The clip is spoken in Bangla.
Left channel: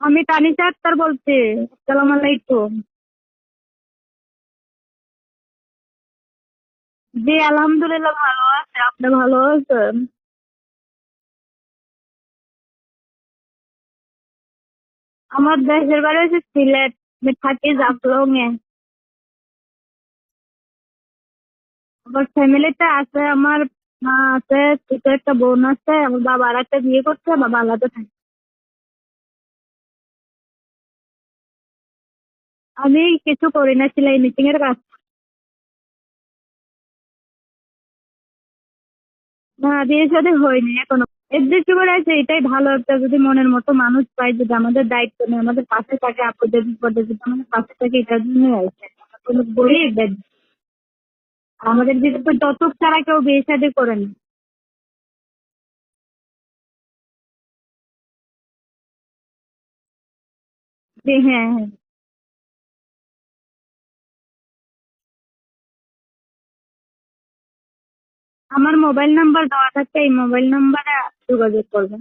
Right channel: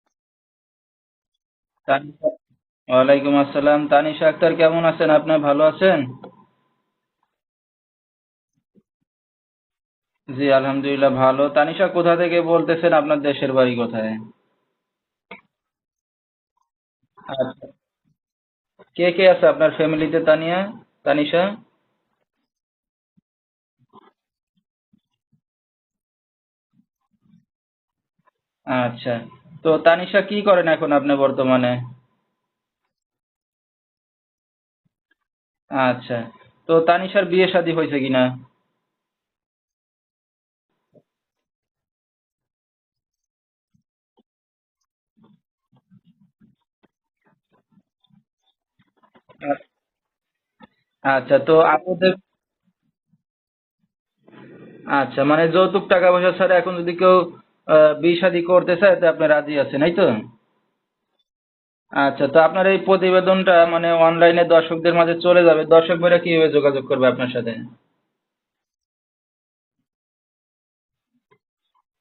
আমি তানিশা আক্তার বলছি। আসসালামু আলাইকুম। ওয়ালাইকুম আসসালাম। তানিশা আক্তার কেমন আছেন? আপনি ভালো আছেন? জি আলহামদুলিল্লাহ ভালো আছে। আপনি ভালো আছেন? জি আলহামদুলিল্লাহ ভালো। তানিশা কোথা থেকে বলতেছেন? আপনার দেশের বাড়ি কোথায়? আমার দেশের বাড়ি হচ্ছে সিলেট। আমি আর থাকি জাফলং এ। কে কে আছে আপনার ফ্যামিলিতে তানিশা? আমার ফ্যামিলিতে আছে আমার মা আছে, ছোট একটা বোন আছে, আমার বাবা আর একটা বিয়ে করছে, বাবা আলাদা থাকে। আচ্ছা। তো তানিশা কি করেন এখন আপনি বর্তমানে? আমি কিছু করি না, সেলাই মেশিং এর কাজ। আচ্ছা। তো তানিশার বিয়ে শাদী হয়েছে কিনা? না, বিয়ে শাদী হয়নি এখনো। এর করে আছে, এটাই ভালো একটা যদি মনের মতো মানুষ পাই, যদি আমাদের দায়িত্ব নেই, আমাদের পাশে থাকে, আপদে বিপদে যদি আমাদের পাশে থাকে, এটার জন্য আছে। কোনো বলি আচ্ছা। তো আমাদের আপনাদের দিকে তো যৌতুক ছাড়া কেউ বিয়ে শাদী করে না। আচ্ছা, মানে যৌতুক টাকা পয়সা ছাড়া এখন যদি কেউ বিয়ে শাদী করতে চায় তো আপনি রাজি আছেন, এই তো? জি হ্যাঁ হ্যাঁ। আচ্ছা, তো আপনার এই প্রতিবেদনটা মানে অনলাইনে দর্শকদের মাঝে চলে যাবে। দর্শক ভাইরা কিভাবে যোগাযোগ করবে আপনার সাথে? আমার মোবাইল নাম্বার দেওয়া থাকছে, এই মোবাইল নাম্বারে যোগাযোগ করবেন।